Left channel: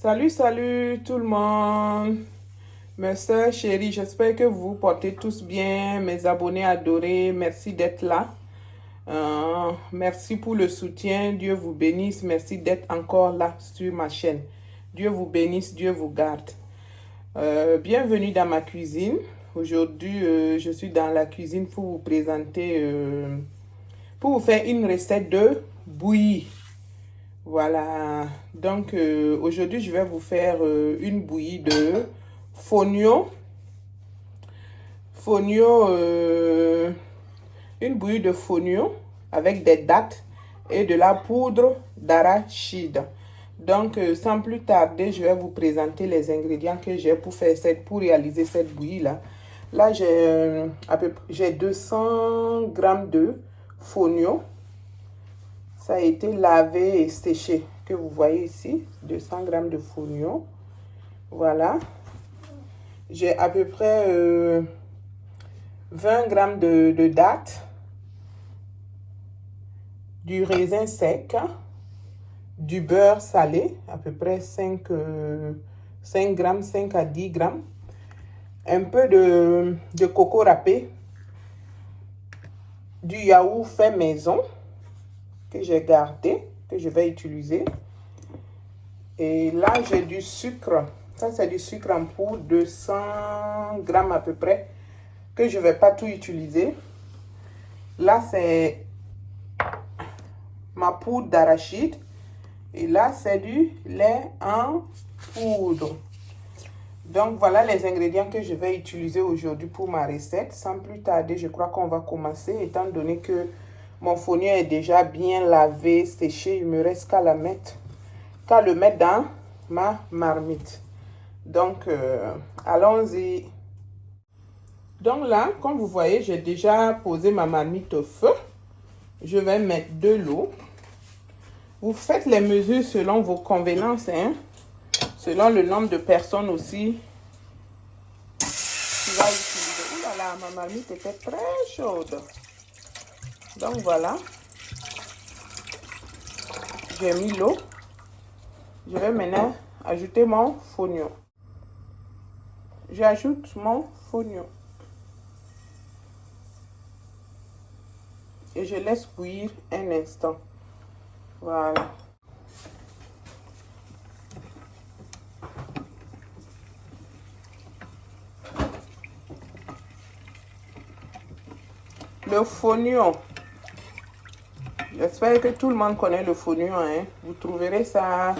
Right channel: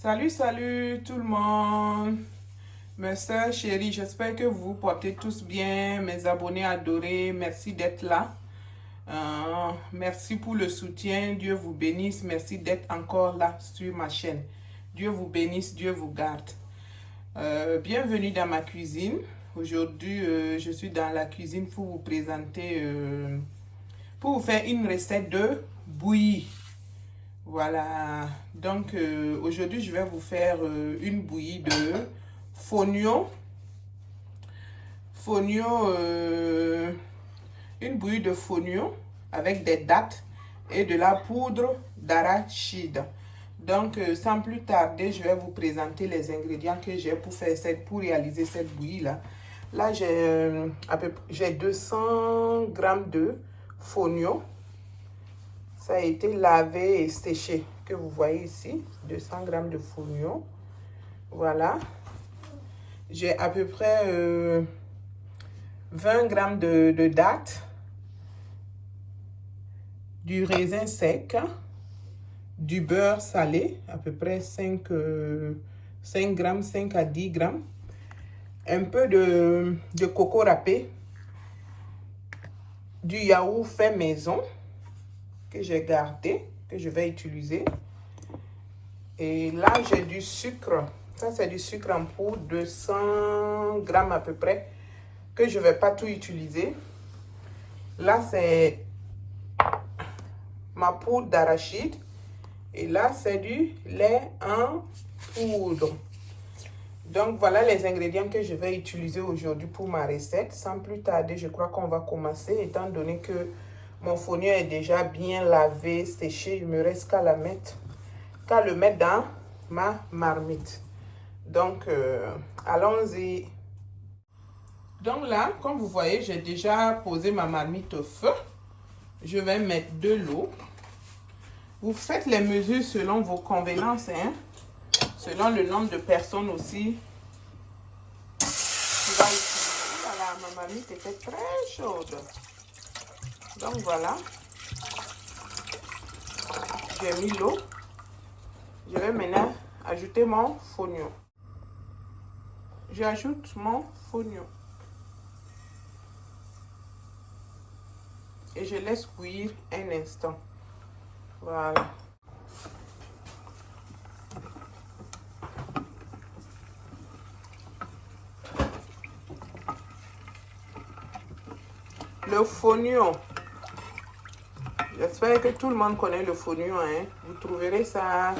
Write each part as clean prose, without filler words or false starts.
Salut, salut tout le monde. Mes soeurs chéries, j'espère que vous vous portez tous bien. Mes abonnés adorés, merci d'être là. Merci pour le soutien. Dieu vous bénisse. Merci d'être encore là sur ma chaîne. Dieu vous bénisse, Dieu vous garde. Bienvenue dans ma cuisine. Aujourd'hui, je suis dans la cuisine pour vous présenter, pour vous faire une recette de bouillie. Voilà, donc aujourd'hui je vais vous faire une bouillie de fonio, une bouillie de fonio avec des dattes et de la poudre d'arachide. Donc sans plus tarder, je vais vous présenter les ingrédients que j'ai pour réaliser cette bouillie là. Là j'ai 200 grammes de fonio. Ça a été lavé et séché, que vous voyez ici, 200 grammes de fonio. Voilà. J'ai à peu près 20 grammes de dattes, du raisin sec, du beurre salé, à peu près 5 grammes, 5 à 10 grammes, un peu de coco râpé, du yaourt fait maison, que j'ai gardé, que je vais utiliser. Et là, j'ai du sucre. Ça, c'est du sucre en poudre, 200 grammes à peu près, que je ne vais pas tout utiliser. Là, c'est ma poudre d'arachide. Et là, c'est du lait en poudre. Donc, voilà les ingrédients que je vais utiliser aujourd'hui pour ma recette. Sans plus tarder, je crois qu'on va commencer, étant donné que mon fonio est déjà bien lavé, séché. Il me reste qu'à le mettre dans ma marmite. Donc, allons-y. Donc là, comme vous voyez, j'ai déjà posé ma marmite au feu. Je vais mettre de l'eau. Vous faites les mesures selon vos convenances, hein, selon le nombre de personnes aussi. Voilà, ma marmite était très chaude. Donc voilà, j'ai mis l'eau. Je vais maintenant ajouter mon fonio. J'ajoute mon fonio. Et je laisse bouillir un instant. Voilà. Le fonio. J'espère que tout le monde connaît le fonio, hein. Vous trouverez ça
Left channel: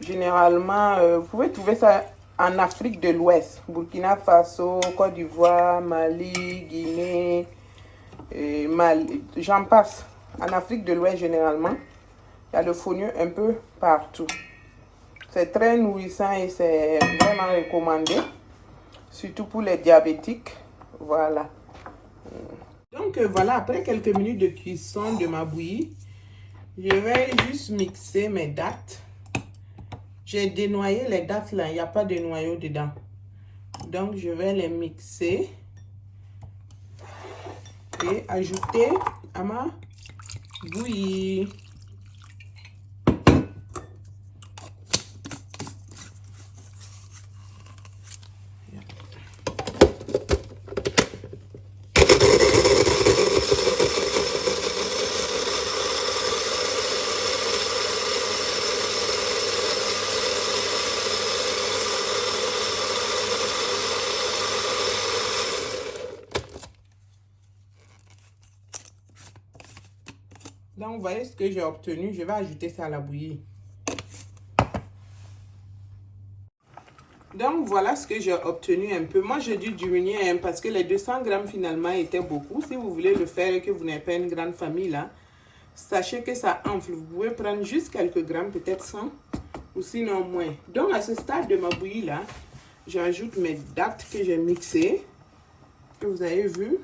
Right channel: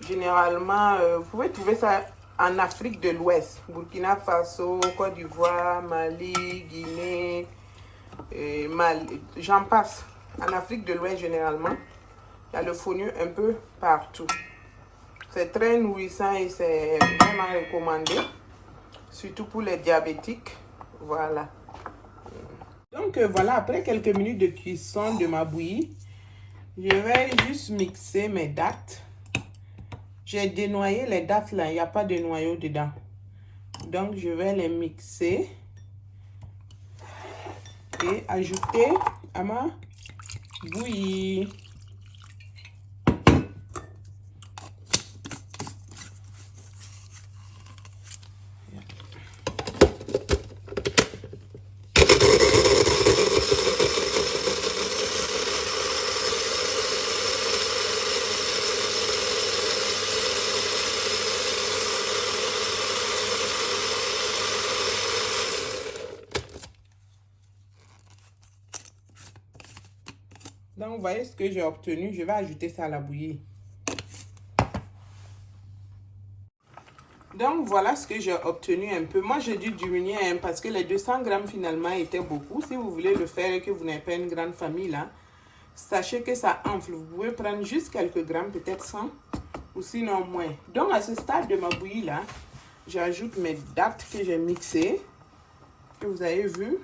généralement, vous pouvez trouver ça en Afrique de l'Ouest, Burkina Faso, Côte d'Ivoire, Mali, Guinée, j'en passe. En Afrique de l'Ouest généralement, il y a le fonio un peu partout. C'est très nourrissant et c'est vraiment recommandé, surtout pour les diabétiques. Voilà. Donc voilà, après quelques minutes de cuisson de ma bouillie, je vais juste mixer mes dattes. J'ai dénoyé les dattes là, il n'y a pas de noyau dedans. Donc je vais les mixer et ajouter à ma bouillie. Donc, vous voyez ce que j'ai obtenu. Je vais ajouter ça à la bouillie. Donc, voilà ce que j'ai obtenu un peu. Moi, j'ai dû diminuer hein, parce que les 200 grammes finalement étaient beaucoup. Si vous voulez le faire et que vous n'avez pas une grande famille là, sachez que ça enfle. Vous pouvez prendre juste quelques grammes, peut-être 100 ou sinon moins. Donc, à ce stade de ma bouillie là, j'ajoute mes dattes que j'ai mixées, que vous avez vu.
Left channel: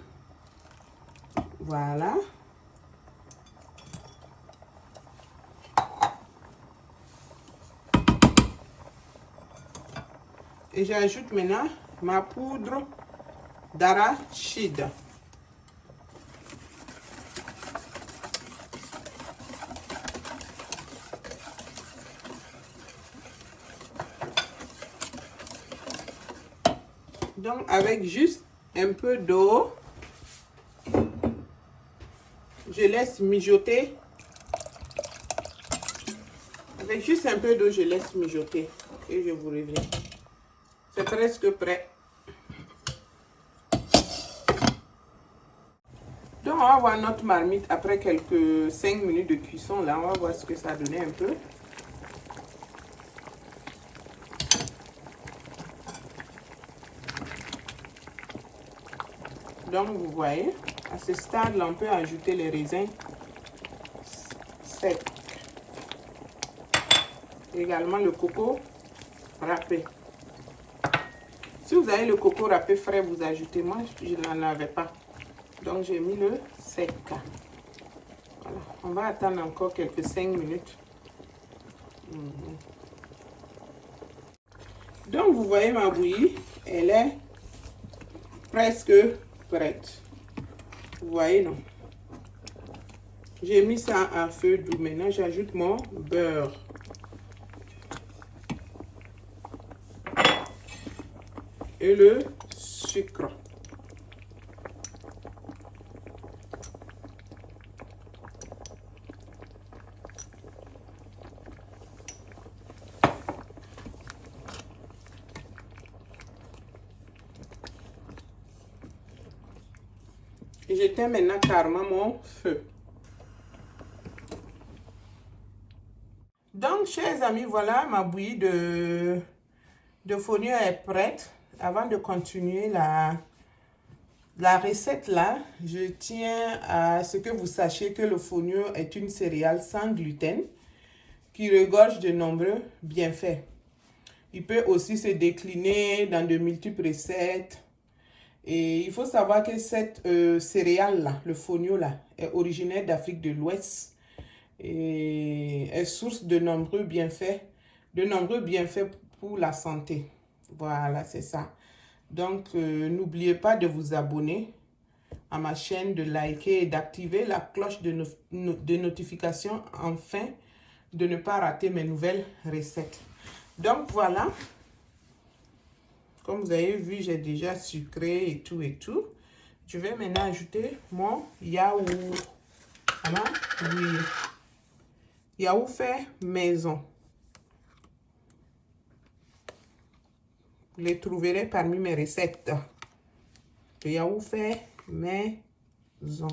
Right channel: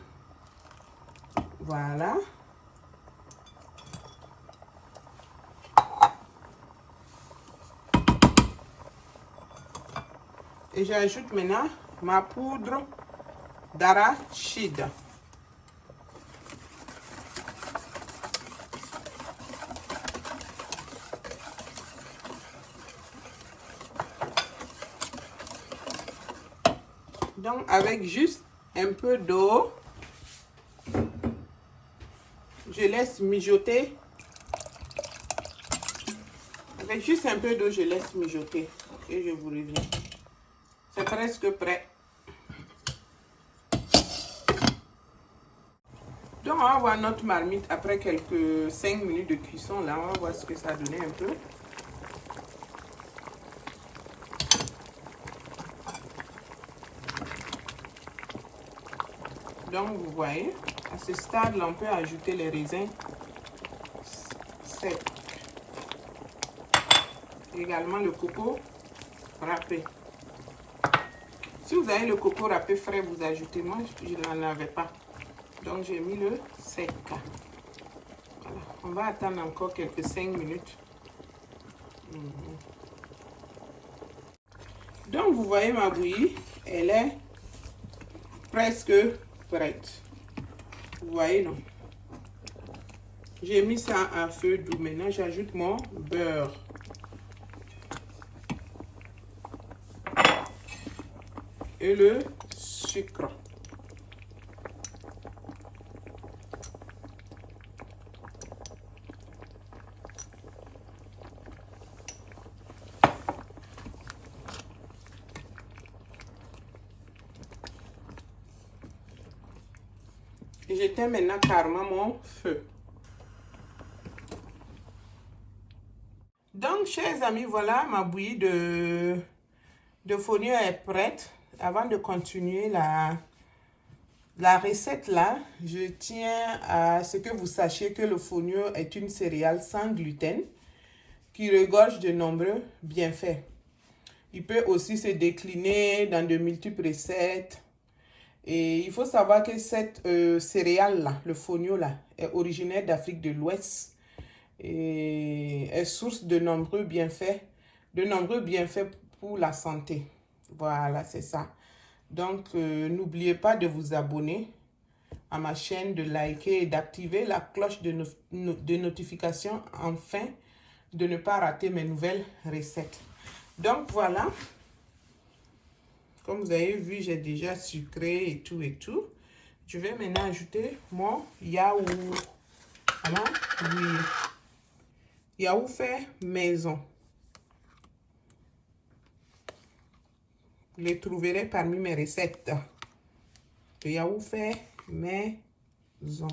Voilà. Et j'ajoute maintenant ma poudre d'arachide. Donc, avec juste un peu d'eau, je laisse mijoter. Avec juste un peu d'eau, je laisse mijoter. Et je vous reviens. C'est presque prêt. Donc, on va voir notre marmite après quelques 5 minutes de cuisson. Là, on va voir ce que ça a donné un peu. Donc, vous voyez, à ce stade-là, on peut ajouter les raisins secs. Également le coco râpé. Si vous avez le coco râpé frais, vous ajoutez. Moi, je n'en avais pas. Donc, j'ai mis le sec. Voilà. On va attendre encore quelques 5 minutes. Donc, vous voyez ma bouillie, elle est presque prête. Vous voyez, non? J'ai mis ça à feu doux. Maintenant, j'ajoute mon beurre. Et le sucre. Et j'éteins maintenant carrément mon feu. Donc, chers amis, voilà, ma bouillie de fonio est prête. Avant de continuer la recette là, je tiens à ce que vous sachiez que le fonio est une céréale sans gluten qui regorge de nombreux bienfaits. Il peut aussi se décliner dans de multiples recettes. Et il faut savoir que cette céréale-là, le fonio-là, est originaire d'Afrique de l'Ouest et est source de nombreux bienfaits pour la santé. Voilà, c'est ça. Donc, n'oubliez pas de vous abonner à ma chaîne, de liker et d'activer la cloche de notification afin de ne pas rater mes nouvelles recettes. Donc, voilà. Comme vous avez vu, j'ai déjà sucré et tout et tout. Je vais maintenant ajouter mon yaourt. Voilà, oui. Yaourt fait maison. Vous les trouverez parmi mes recettes. Le yaourt fait maison.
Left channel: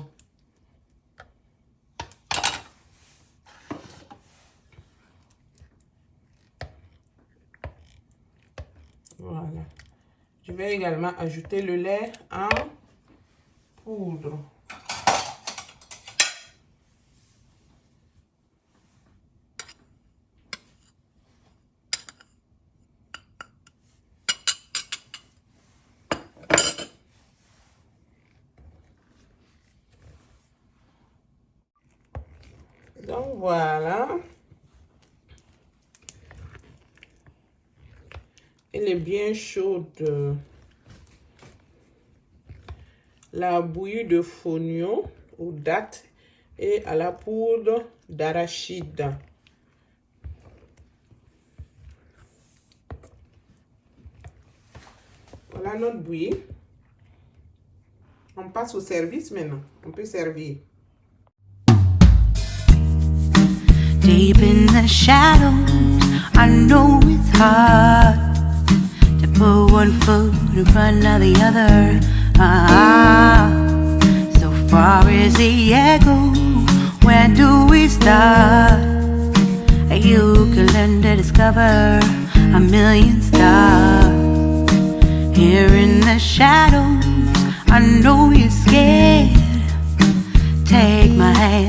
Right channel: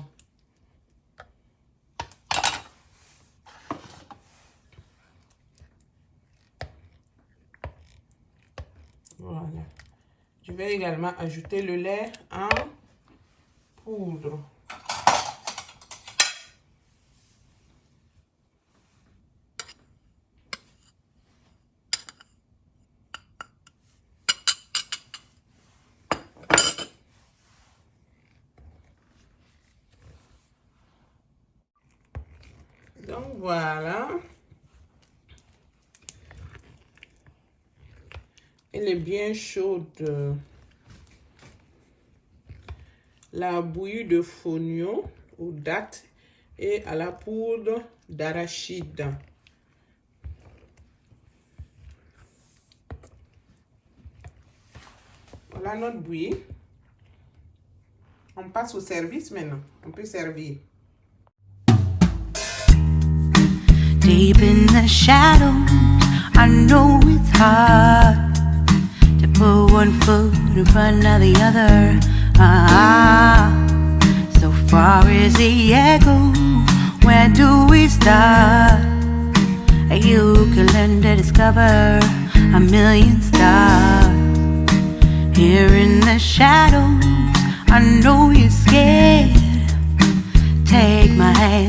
Voilà. Je vais également ajouter le lait en poudre. Donc voilà. Elle est bien chaude. La bouillie de fonio aux dattes et à la poudre d'arachide. Voilà notre bouillie. On passe au service maintenant. On peut servir. Deep in the shadows, I know it's hard to put one foot in front of the other. So far as the echo, where do we start? You can learn to discover a million stars. Here in the shadows, I know you're scared. Take my hand.